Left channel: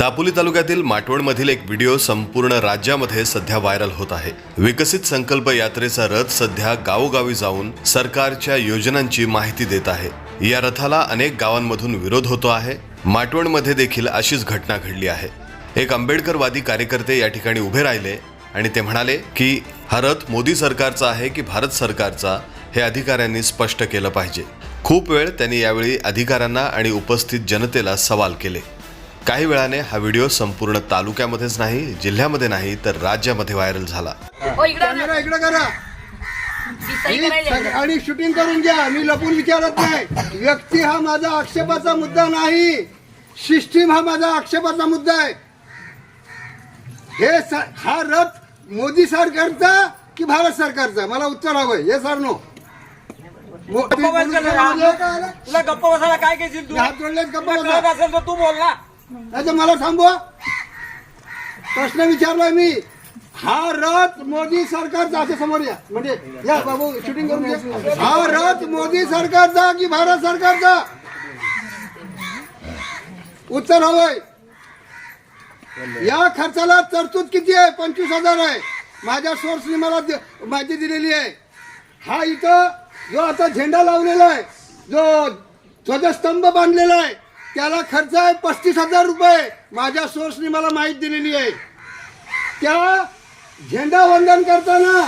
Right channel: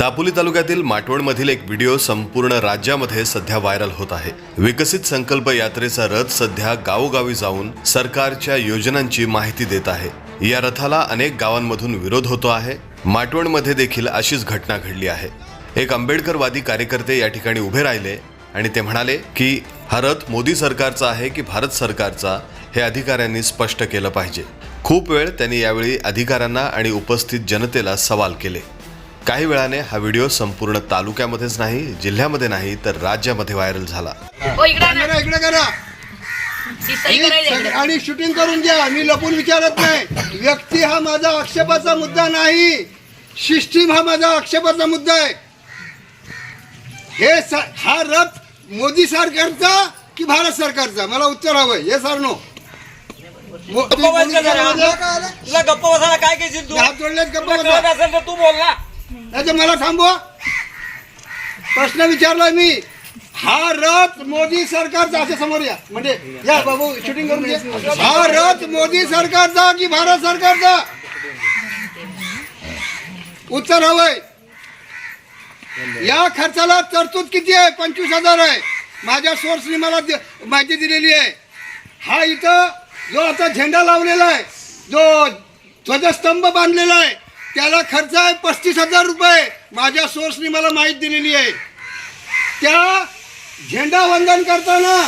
दापोली तालुक्यातील माटवणमधील एक व्हिडिओ संपूर्ण राज्यामध्ये सध्या व्हायरल होत आहे. विकसित संकल्प यात्रेचा रथ सध्या गावोगावी जाऊन सरकारच्या योजनांची माहिती देत आहे. या रथाला अनेक गावांमधून विरोध होतो आहे. माटवणमध्ये देखील अशीच घटना घडली आहे. एक आंबेडकरवादी कार्यकर्ते या ठिकाणी उभे राहिले आणि ते म्हणाले की हा रथ मोदी सरकारचा आहे की भारत सरकारचा हे अधिकाऱ्यांनी स्पष्ट केलं पाहिजे. खूप वेळ त्यांनी यावेळी अधिकाऱ्यांना आणि उपस्थित जनतेला सवाल केले. काही वेळाने हा व्हिडिओ संपूर्ण तालुक्यामध्येच नाही जिल्ह्यामध्ये नाही तर राज्यामध्ये व्हायरल झाला. इकडे ना कॅमेरा इकडे करा. इकडे. आणि शूटिंग करून घ्या. मी लपून विचारत नाही. व्यक्ती हा माझा आक्षेपाचा मुद्दा नाही. सिस्टीम हा माझा आक्षेपाचा मुद्दा आहे. हे स- हा रथ मोदी सरकारचा की भारत सरकारचा? मला उत्तर हवंय. हे सर नो मो- तुम्ही गप्प बस बोलू का जरा? नका. तुला गप्प बसायला काय घेशील तू हात जोडलेत गप्प तुला बसा. कळत असेल तर तू बोल ना. नाही. तर मला थांबवा प्रश्न विचारलाय मी. हा रथ मोदी सरकारचा असं समोर या. म्हणजे या बाबू शूटिंग करून घे. हा रथ मोदी सरकारचा की भारत सरकारचा? उत्तर हवंय. या खर्चाला तरतूद किती आहे? पंचवीस हजार आहे. माझ्या सोर्सनी मला माहिती दिलेली आहे. हा इथं जो आता झेंडा लावलेला आहे जो ध्वजस्तंभ बांधलेला आहे त्याला खर्च आहे पस्तीस हजार रुपये. माझ्या सोर्सनी मला माहिती दिलेली आहे. त्या झेंडा वंदन करताना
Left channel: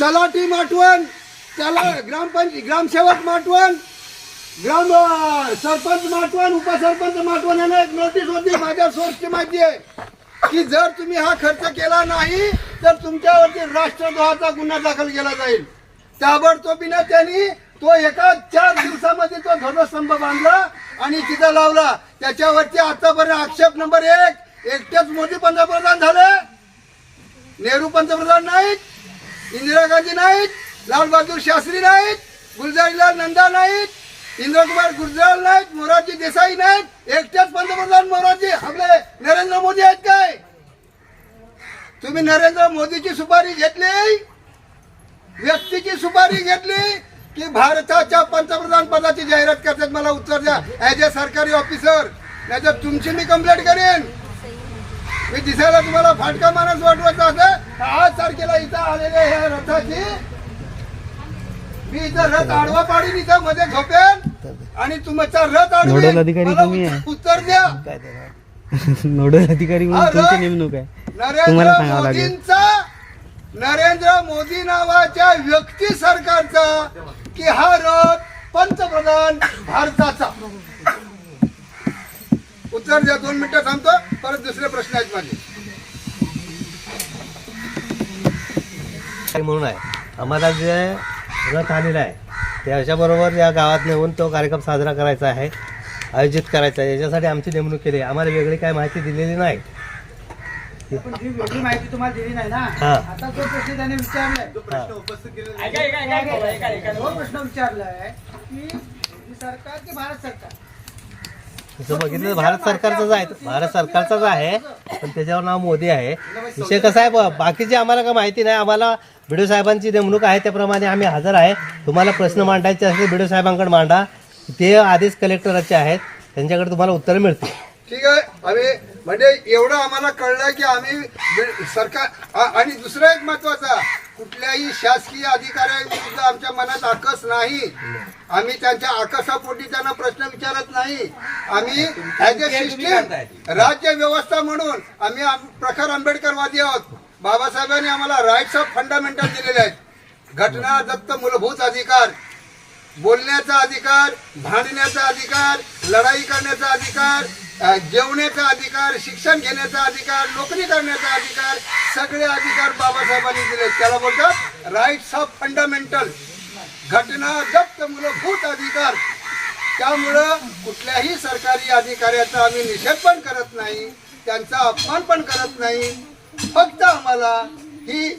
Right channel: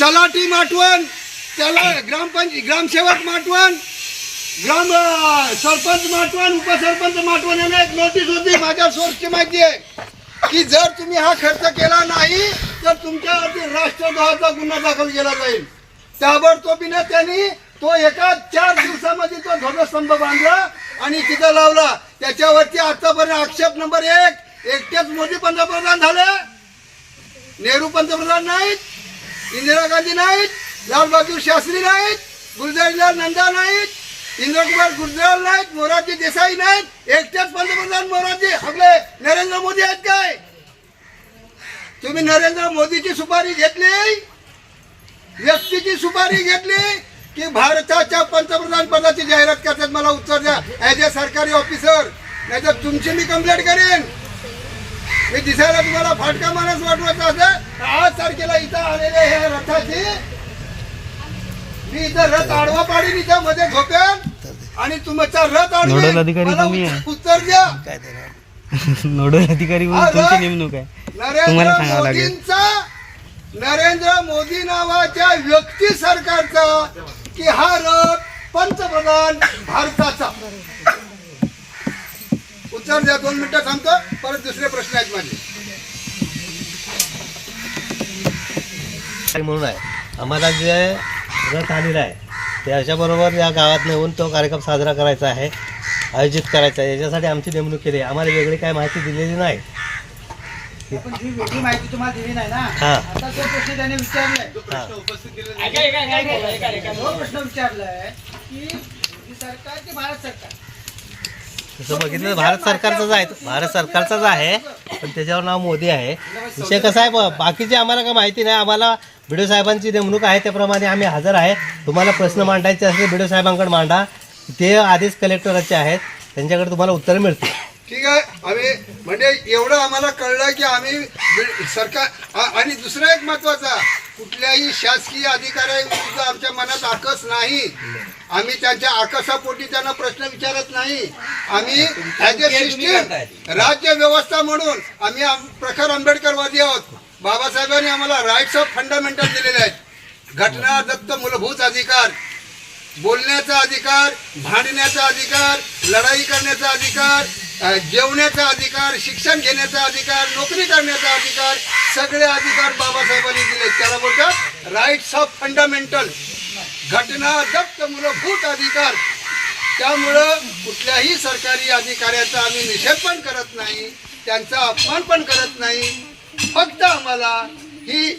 तलाठी माटवण त्याला ग्रामपंच ग्रामसेवक माटवण ग्राम सरपंच माटवण उपसरपंच माटवण यांना एक नोटीस होती. माझ्या सोर्सची माहिती आहे की जर तुम्ही हा खर्च केला नाही तर तुमच्यावरती राष्ट्रद्रोहाचा गुन्हा दाखल केला जाईल. ताबडतोबीने त्यांनी तो एका चार दिवसामध्ये तो ध्वजस्तंभ बांधला आणि तिथं लावला त्याच्यावरती आतापर्यंत आक्षेप नंबर एक एकटेच मोदी पंतप्रधान झाले. नेहरू पंतप्रधान नाहीत इंदिरा गांधी नाहीत लालबहादूर शास्त्री नाहीत गुलजारीलाल नंदा नाहीत इंद्रकुमार गुजराल नाहीत मोरारजी देसाई नाहीत एकटेच पंतप्रधान मोरारजी आपले नरेंद्र मोदी आहेत काय? तुम्ही नरेंद्र मोदीची सुपारी घेतली? व्यक्तीची सुपारी घेतली? की भारताच्या पंतप्रधान पदाची जाहिरात करतात. मला उत्तर द्या. ऍज अ सरकारी ऑफिसर नाहीतर तुमची मी कंप्लेंट करेन. मी दिसायला तुम्हाला फाटका माणूस वाटवायचा असं आज तारखेला इथं आलेले हे रथाची मी इथं रथ आडवा पाडीन इथं मध्ये झोपेन आणि तुमचा रथ आडवे. उत्तर- द्या. नोडल अधिकारी तुमची नेमणूक आहे. नरेंद्र तुम्हाला सांगावं लागेल. मोदींचा नरेंद्र मोदी नावाच्या व्यक्ती सरकारचा की हा रथ पंतप्रधान भारताचा. उत्तर द्या दोन मिनिटं थांबतो परत दुसरे प्रश्न आहेत माझे. म्हणून आहे. आम्हाला जे रथ आलेला आहे त्याच्याबरोबर या गावात नेऊन तो कार्यक्रम साजरा करायचा आहे आयोजित करायचा आहे. याच्यासाठी आमची नेमणूक केली आहे. आम्हाला वेगळी काय माहिती दिलेली नाही. पण ही वेगळी माहिती तुम्हाला दिली नाही ना हा. आता जो प्रश्न त्याने विचारलाय. ऐका, ऐका, ऐका, ऐका, ऐका, ऐका. जो प्रश्न विचारलाय की मोदी सरकार की भारत सरकार? तसं बघितलं तर भारत सरकारचाच आहे भारत सरकारचाच आहे पण त्याच्यावर नाव मोदी आहे. विषय कसा आहे ब- बाकीची आम्हाला काय माहिती नाही आम्हाला बिडो साहेबांची नेमणूक आहे त्याप्रमाणे आम्ही हजर आहे. तुम्हाला प्रश्न मांडायचे असतील बिडो साहेबांकडे मांडा. ते आधीच कलेक्टरचे आहेत. त्यांच्याकडे तुम्हाला उत्तर मिळतील. ठीक आहे. आम्ही म्हणजे एवढं आम्हाला कळलं की आम्ही सरकार आणि दुसरं एक महत्त्वाचा कुठल्याही शासकीय अधिकाऱ्यांविरुद्ध आमच्या मनात आकस नाही. आम्ही त्यांच्या आकसापोटी त्यांना प्रश्न विचारत नाही. आम्ही ऍज अ सिस्टीम राज्य व्यवस्था म्हणून आम्ही आम- प्रखर आंबेडकरवादी आहोत. बाबासाहेबांनी आम्हाला राईट्स ऑफ फंडामेंटल दिलेले आहेत. घटना दत्त मूलभूत अधिकार बोलण्याचा अधिकार भांडण्याचा अधिकार लढाई करण्याचा अधिकार जेवण्याचा अधिकार शिक्षण घेण्याचा अधिकार नोकरी करण्याचा अधिकार सगळे अधिकार बाबासाहेबांनी दिले. त्याला बोलतात राईट्स ऑफ फंडामेंटल घटना जप्त मूलभूत अधिकार. त्यामुळं कुठल्याही सरकारी अधिकाऱ्याचा आम्ही निषेध पण करत नाही त्यांचा अपमान पण करत नाही. फक्त आम्हाला ही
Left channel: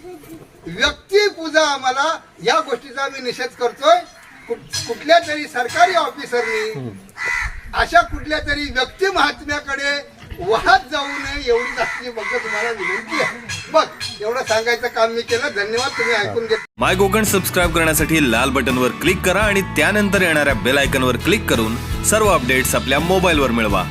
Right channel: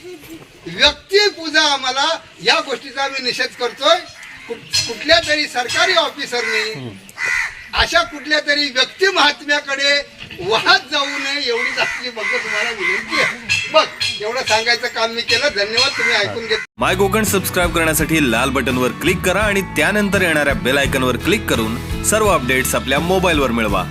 व्यक्तिपूजा आम्हाला या गोष्टीचा आम्ही निषेध करतोय. कुठ- कुठल्या तरी सरकारी ऑफिसरनी अशा कुठल्या तरी व्यक्ती महात्म्याकडे वाहत जाऊ नये एवढीच असली फक्त तुम्हाला विनंती आहे. बघ एवढं सांगायचं काम मी केलं. धन्यवाद तुम्ही ऐकून घेत माय कोकण सबस्क्राईब करण्यासाठी लाल बटनवर क्लिक करा आणि त्यानंतर येणाऱ्या बेल आयकनवर क्लिक करून सर्व अपडेट्स आपल्या मोबाईलवर मिळवा.